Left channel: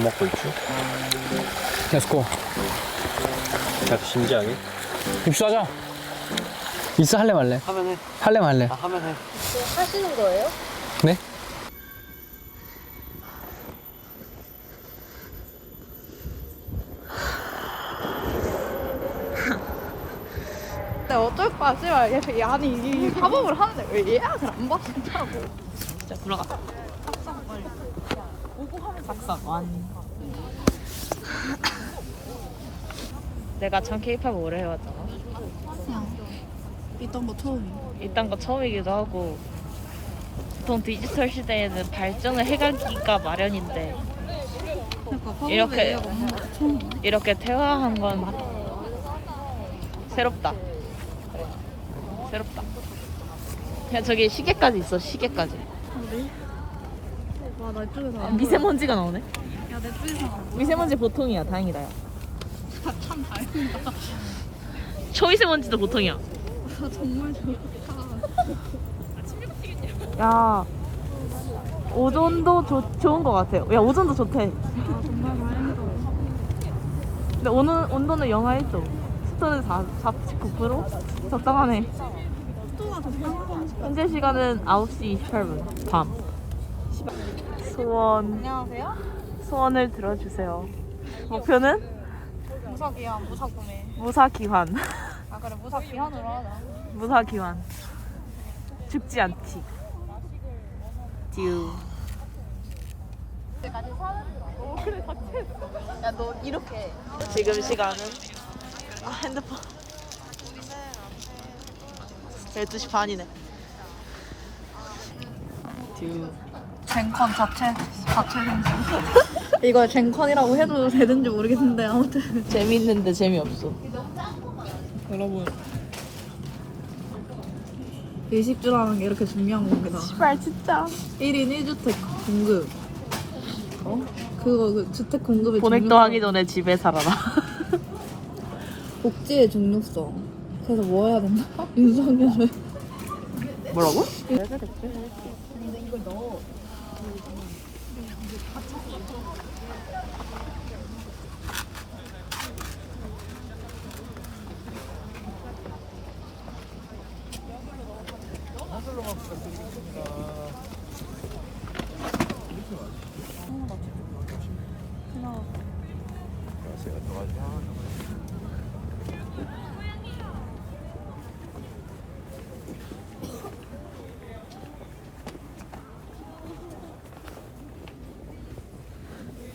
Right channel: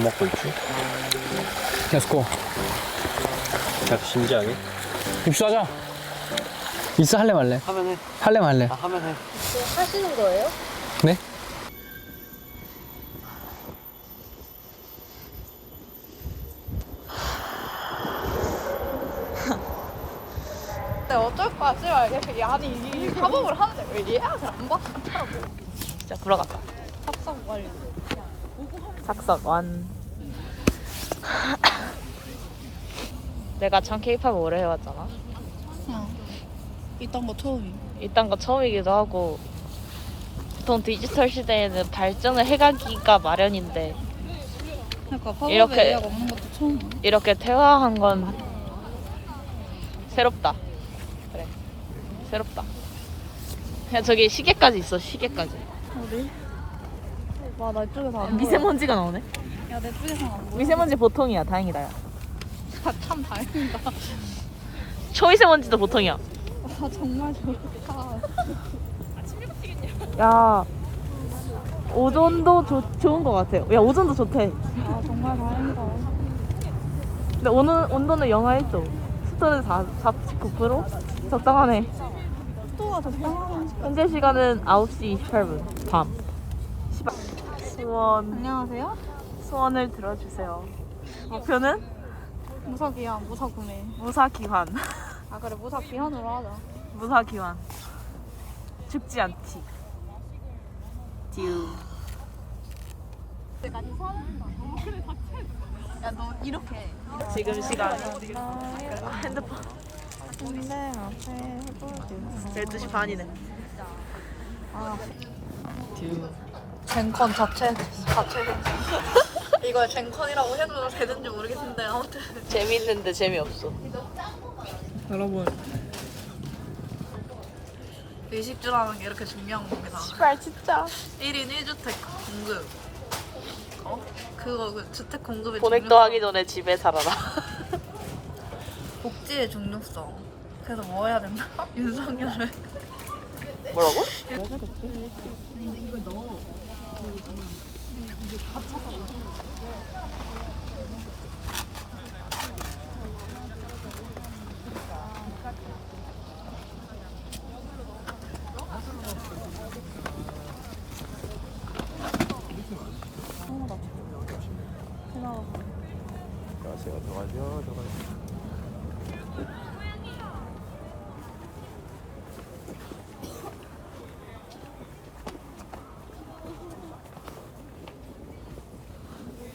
뭐 먹고 있지? 렛츠고 자꾸 진지하게? 입수하자 입수 할래 말래? 하면 해. 할래 말래? 아, 하면 해. 하시는 거예요? 네? 자, 들어가. 작성완. 내가 참 케이팝 오래 해왔잖아. 이딴 거 처음이. 이딴 거 처음이기도 하고 보통 디지털 시대에는 발전을 해가기가 마련인데 그러니까 이렇게- 예약 없는 것도 처음이네. 이렇게 퇴화한 건 새롭다. 그래. 새롭다. 그냥 저기 시계까지 있어 시계까지. 어디? 와, 나 이쪽에서 안 미세먼지가 나오네. 보여. 야, 내 쪽에서 안 보여. 미세먼지 보통이야. 다행이다. 야. 아, 참 다행인데. 초미세먼지도 보통이야. 아, 정말 좋다. 야 오존도 좋 좋은 것 같아요. 야 오존도 좋대. 아, 정말 다행이다. 근데 오늘 온도는 영하 1도. 습도는 4, 49%? 적당하네. 또가 적당하고 현재 시간은 9시 28분. 밤. 소원. 안녕하세요. 소원을 들어주세요. 목표는 무사기야, 무사 구매. 무사 기환. 아, 그래, 무사 기한으로 하자. 무사 기환. 죽지 않기. 듀. 야, 너 이렇게. 지금 시간. 아 핸드폰. 12시 반이네. 듀. 젠컨 자체, 자체 생각. 이걸 젠컨이라고 해도 되는지 모르겠는데, 아무튼. 재밌는데 재미없어. 여러분. 의식주라는 게 이렇게 중요한 겁니다. 아 진짜. 1인 1주택 공급. 어? 그거 그 주택 공급의 보넥도 중요성. 하기 전에 집에 살아라. 복지의 중요성. 그래서 뭐 해야 된다? 윤석열을. 뭐라고? 어, 고마워. 안녕하세요. 안녕하세요.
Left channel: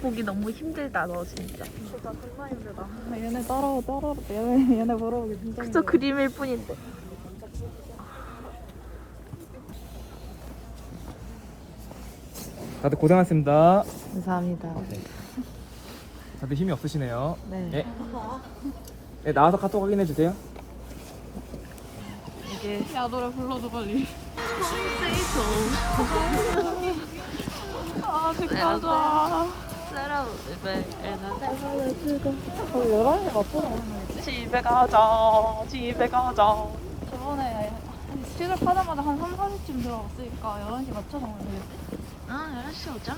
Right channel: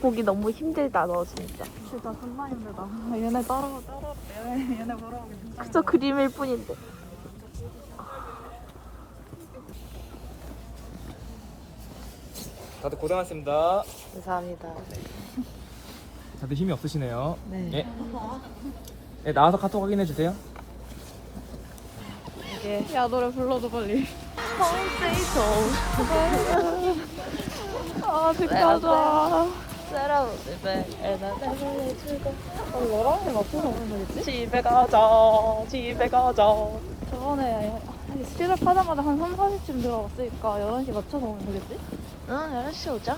보기 너무 힘들다 너 진짜. 진짜 존나 힘들다. 얘네 따라와 따라. 얘네 얘네 보러 오기 진짜. 그저 그림일 뿐인데. 다들 고생하셨습니다. 감사합니다. 다들 힘이 없으시네요. 네. 예. 네, 나와서 카톡 확인해 주세요. 이게 야 노래 불러줘 빨리. 아 진짜 맞아. 집에 가자 집에 가자 저번에 시작하자마자 한 3, 4시쯤 들어갔으니까 11시 맞춰서 오겠지? 응 11시 오자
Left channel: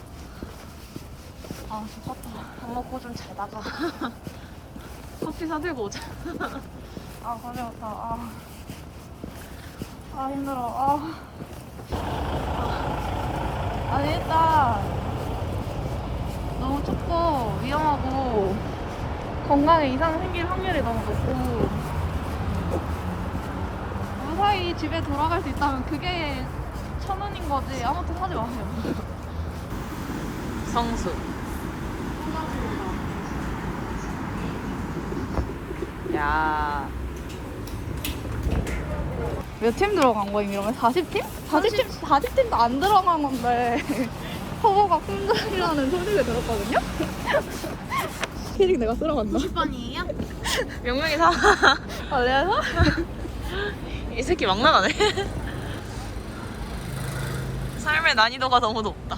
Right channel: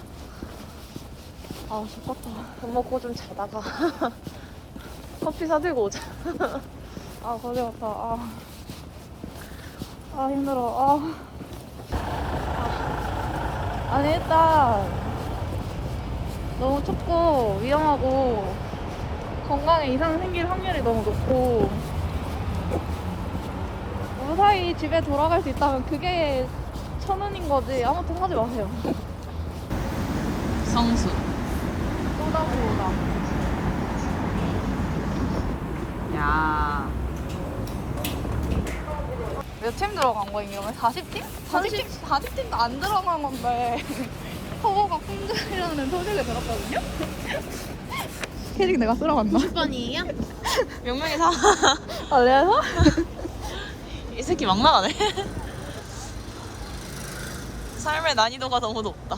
아 싶었구나. 밥 먹고 좀 자다가 커피 사들고 오자 아 걸려갔다. 아. 아 힘들어. 아. 아. 아니 일단 너무 춥고 위험하고 건강에 이상 생길 확률이 너무 높고 무사히 집에 돌아갈 수 있다면 그게 천운인 거지 아무튼 하지 마세요. 성수 쏟아부어다. 야 몇 팀 들어간 거야 이러면 40팀? 40팀 40팀도 안 들어간 건데 허브가 큰소리라는 소식을 들었거든요. 캐릭 내가 쓸어갔나? 90번이에요? 명명이 사. 아 내가 이 새끼 막 나가네. 삶의 난이도가 너무 높다.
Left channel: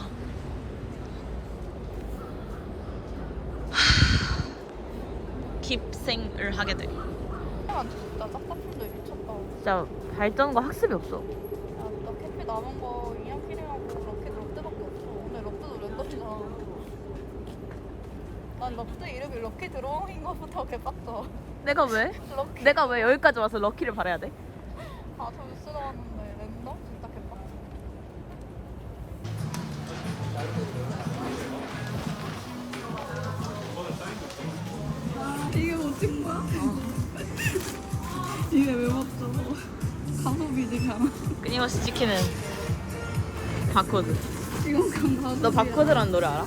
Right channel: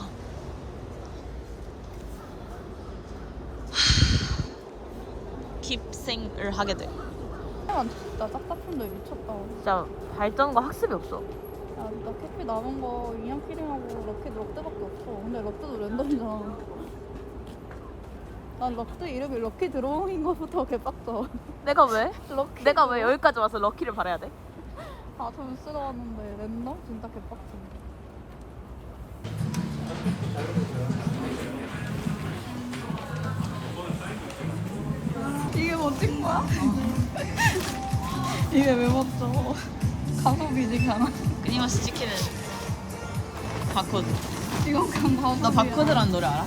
하, 깁생을 하게 돼. 나 짝짝꿍도 미쳤다. 진짜 발전과 학습이 없어. 아, 나 캐피 남은 거 이양 캐릭하고 럭키 럭드밖에 없어. 근데 럭드도 랜덤이잖아. 난 갑자기 이름이 럭키 드로잉인 것부터 개빡쳐. 내가 왜? 럭키. 내가 왜 여기까지 와서 럭키를 바래야 돼? 아, 점수가 왔는데 냈나? 진짜 개빡쳐. 아, 이게 멋진 거야? 이게 왜 멋져? 가속이지 그냥. 끊임없이 찍히는 바코드. 이건 그냥 바코드란 노래 알아?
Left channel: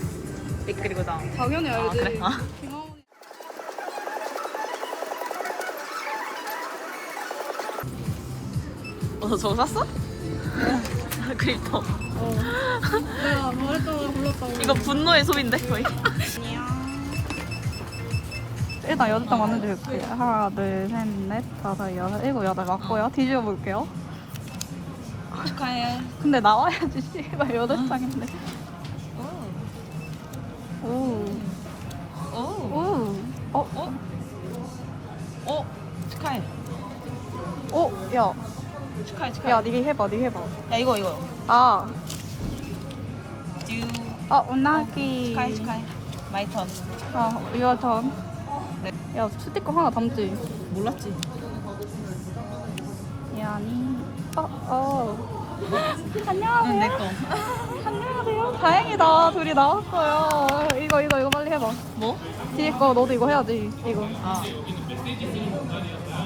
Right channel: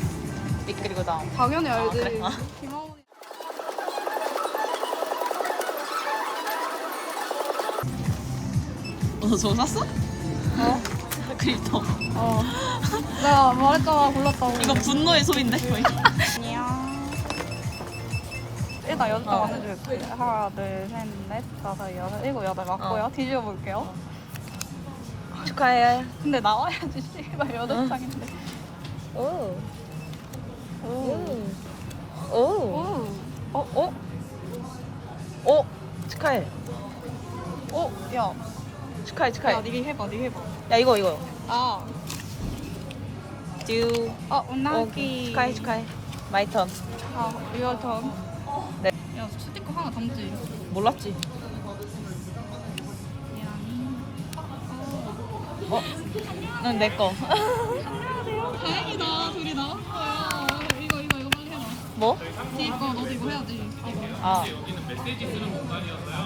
삐그리고 다음. 당연히 알지. 그래? 아. 너 저거 샀어? 그립토. 어. 내가 말했잖아 골랐다고. 이거 분노의 소비인데 거의. 일단 여덟 어. 하나, 둘, 셋, 넷, 다섯, 여섯, 일곱, 여덟 맞고요. 어. 뒤집어 볼게요. 축하해. 근데 나와야지. 씨발 여덟 어. 장인데. 오. 오. 오. 오. 어? 어? 어? 축하해. 오. 야, 축하해, 축하해. 야, 니 해봐, 니 해봐. 야, 이거, 이거. 아, 듀. 아, 어, 운나기. 축하해, 축하해. 마이 턴. 어, 이거 전. 네. 야, 스티커 하나 담지. 몰랐지? 미안해. 어, 어. 응, 내 거. 안녕하세요. 다행이다. 둘이 나왔어요. 이거, 이거, 이거 빨리 해봐. 뭐? 뒤에 거 너도 이거 해야지. 이거. 아.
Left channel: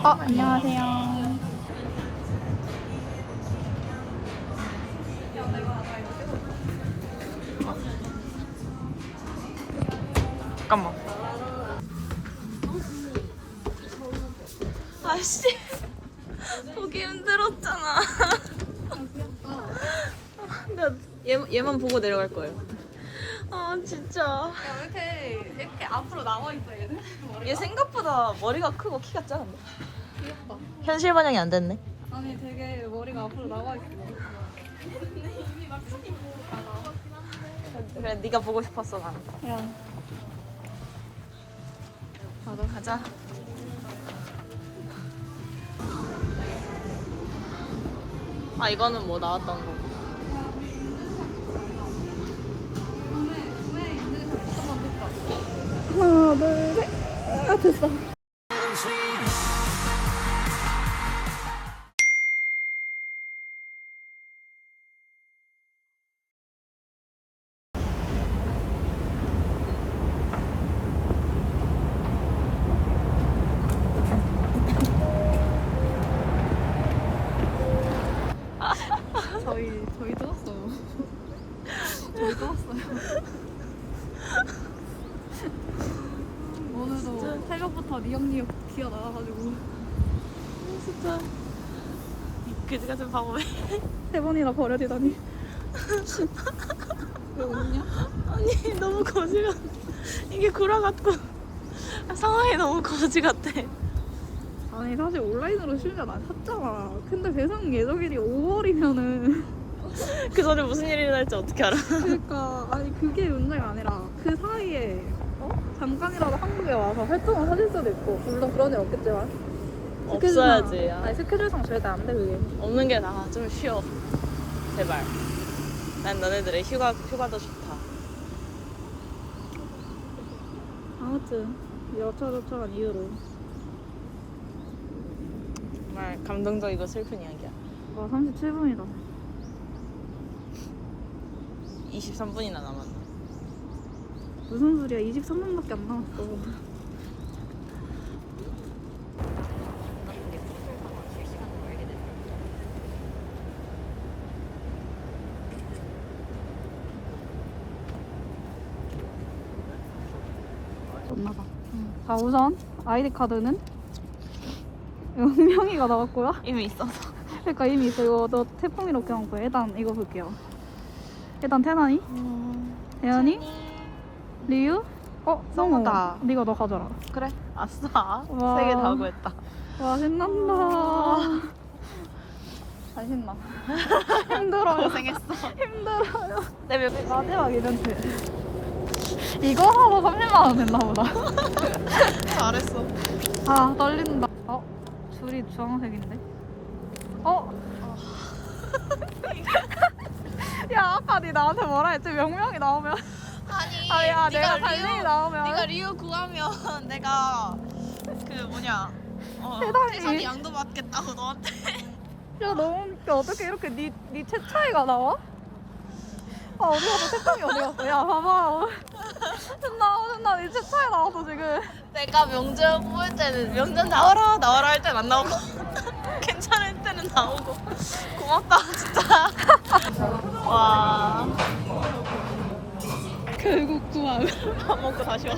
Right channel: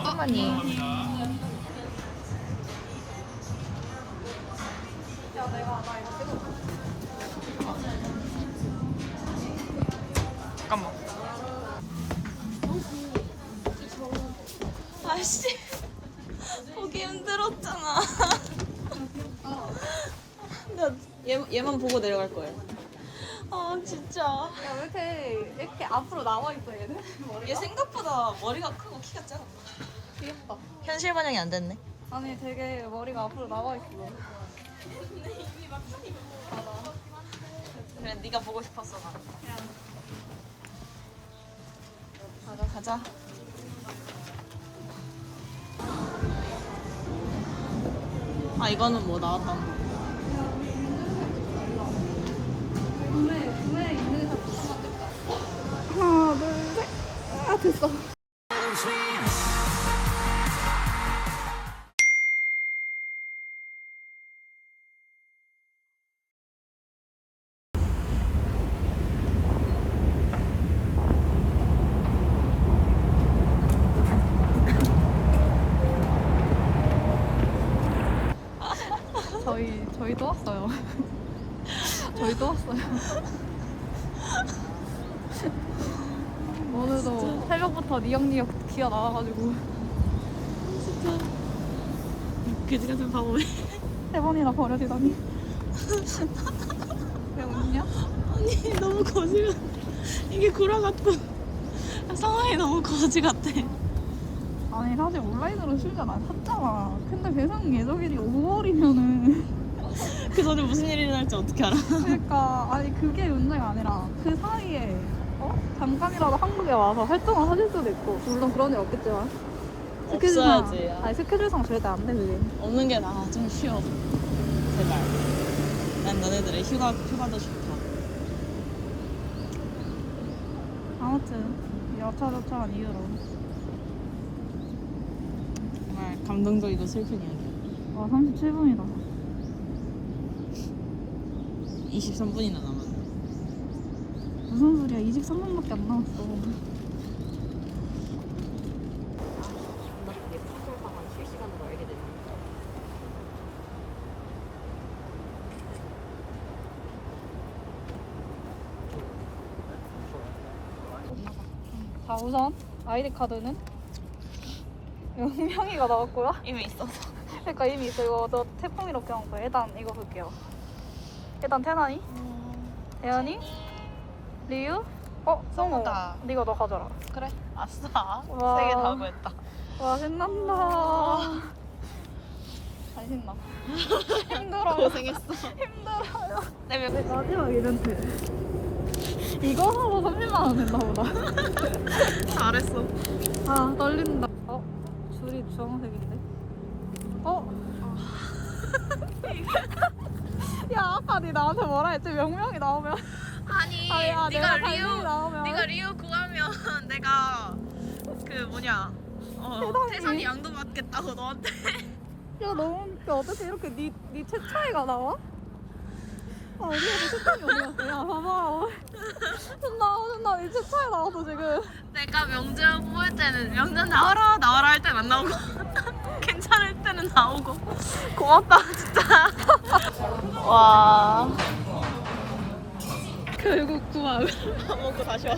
아, 안녕하세요. 아씨. 보기 힘들었잖아. 나 얘, 얘만 보고 내려갈 거예요. 아, 진짜. 이렇게, 이렇게 앞으로 나와 있어야겠네. 얘 생각보다 머리가 크고 키가 작은데. 귀엽다. 현실 반영이 안 됐네. 아니, 되게 머리가 앞으로 나와 있어. 그래, 네가 보고 싶었어, 난. 야, 가자. 아, 이거는 뭐 나왔던 거. 하나, 둘, 셋. 아, 됐어. 오늘도 새벽부터 니역니역 기어 나와가지고 진짜. 그지 같은 바보네. 세 번이나 버려지다니. 왜 웃냐? 아니, 너무 거지 같아. 이게 구라 같고. 상황이 너무 거지 같아. 아니 사실 온라인으로 안 샀잖아. 근데 배송 예정일이 5월이면은 그 전에 무슨 일이 일어날지 어떻게 알아? 그러니까 아니 그게 문제가 아니라 그 사이에 어? 잠깐이라도 한국에 와서 활동을 하실 수도 있고 물론 그런 일 없겠지만 스케줄상- 없어야지. 아니 스케줄상 절대 안 돼. 그게. 없는 게 나아. 좀 쉬어. 제발. 난 너네들의 휴가, 휴가도 좋다. 아무튼 여차저차한 이유로 정말 감동적이고 슬픈 이야기야. 와 37분이다. 23분이나 남았네. 무슨 소리야? 23분밖에 안 남았어. 자 우선 아이디 카드는 영명이가 나왔고요. 이미 있어. 그러니까 이미 그거 너 태풍이 이렇게 한 거야. 일단 이거 볼게요. 일단 태난이, 예은이, 리우, 어, 성우다. 성우. 네가 너 가져라. 그래. 아싸. 와. 세개 다 구했다. 와 생각나. 잘 생각. 힘들어. 고생했어. 힘들어. 마지막 이벤트. 이거 하고 30만 원 냈나 보다. 잘했어. 아 떨린다. 어? 줄이 주황색인데? 어? 야 아까 니 나한테 뭐라 했지? 명명이 나오면 아니, 아야, 네가 내가 리우. 네가 리우 구하면 내가 그 뭐냐 어, 태산이 양도 받겠다고 너한테. 야 너무 웃겨. 어떻게 이렇게 니 니 채 차이가 나와? 아 어디 가서 색감이 어디 갔어? 야 봐봐. 나 오늘 니 채 차이 나왔어 지금. 내가 명절 뽑을 때는 명절 나와라 나와라 할 땐 안 나오고. 괜찮을 때는 나오고. 고맙다 진짜 와 결국 구한 밥 먹고 다시 와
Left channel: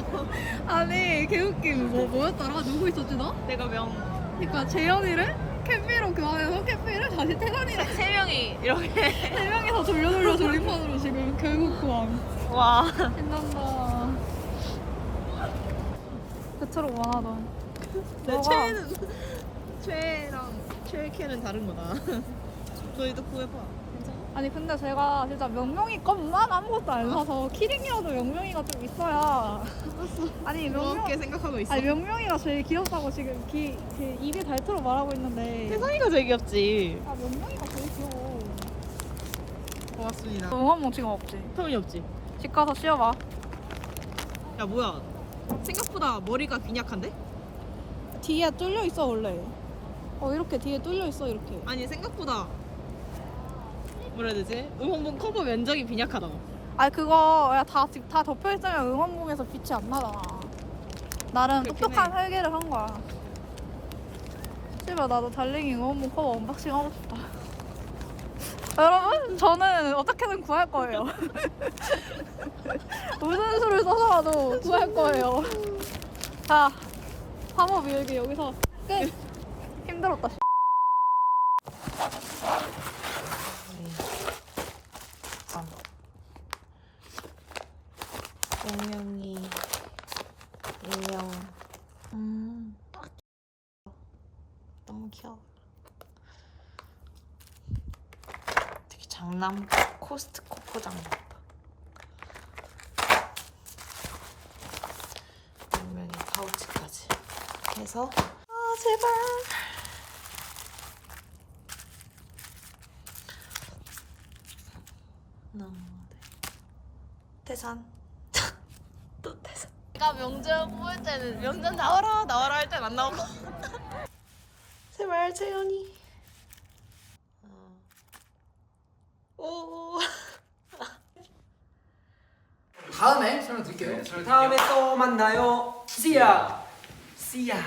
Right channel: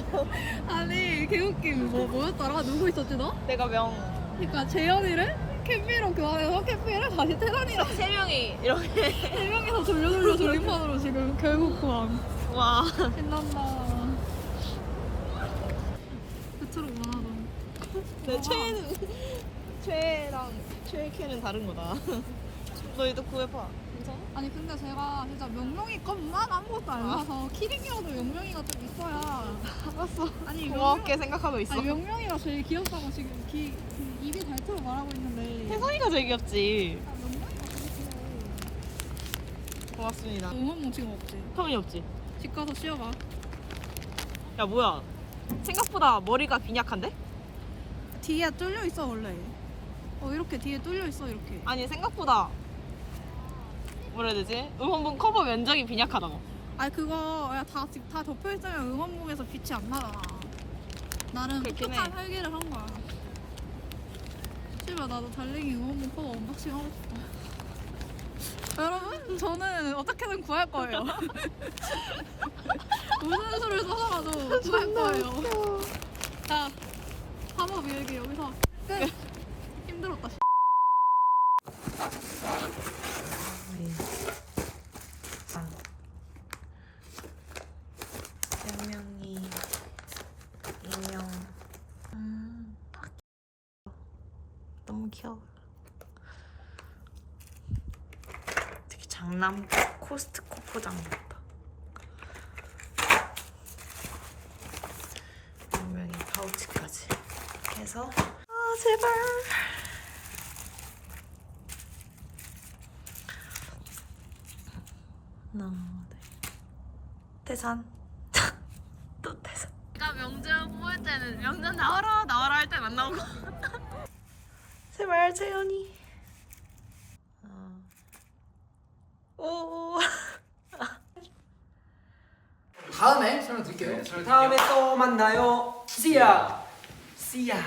아니 개웃김. 뭐 뭐였더라? 누구 있었지 너? 내가 명. 그러니까 재현이를? 캠비로 교환해서 캠비를? 다시 태산이랑. 세 명이 이렇게. 세 명이서 돌려 돌려 조립판으로 지금 결국 구함. 와. 신난다. 그처럼 원하던. 내? 최애는 최애랑 최애 캐는 다른 거다. 너희도 구해봐 아? 아니 근데 제가 진짜 명명이 것만 아무것도 안 사서 키링이라도 명명이가 좀 있어야 알았어. 아니 명명 고맙게 생각하고 있어. 아니 명명이가 제일 귀엽다고 지금 기, 그 입에 닳도록 말하고 있는데. 태산이가 제일 귀엽지. 아 명명이가 제일 귀여워. 고맙습니다. 응원봉 지금 없지? 터이 없지? 집 가서 씌워봐. 야 뭐야? 생각보다 머리가 빈약한데? 뒤에 뚫려 있어 원래. 어 이렇게 뒤에 뚫려 있어 이렇게. 아니 생각보다 뭐라 해야 되지? 응원봉 커버 면적이 빈약하다고. 아니 그거 야다 다 덮여 있으면 응원봉에서 빛이 안 나잖아. 나름 그렇긴 똑똑한 해. 설계를 한 거야. 씨발 나도 달링이 응원봉 커버 언박싱 하고 싶다. 여러분 저는 어떻게든 구할 거예요. 무슨 수를 써서라도 구할 거예요. 자 3호 비율기 여기서 끝. 힘들었다 운명이 운명. 음 너무 귀여워. 되게 장남 코스트코 포장 같다. 운명이 파우치까지 해서. 아 제발. 너무 네. 태산. 또 내가 명절 뽑을 때는 명절 나와라 나와라 할 땐 안 나오고 제발 재현이 어. 오 다음에 설명 드릴게요. 다음에 또 만나요. See ya. See ya.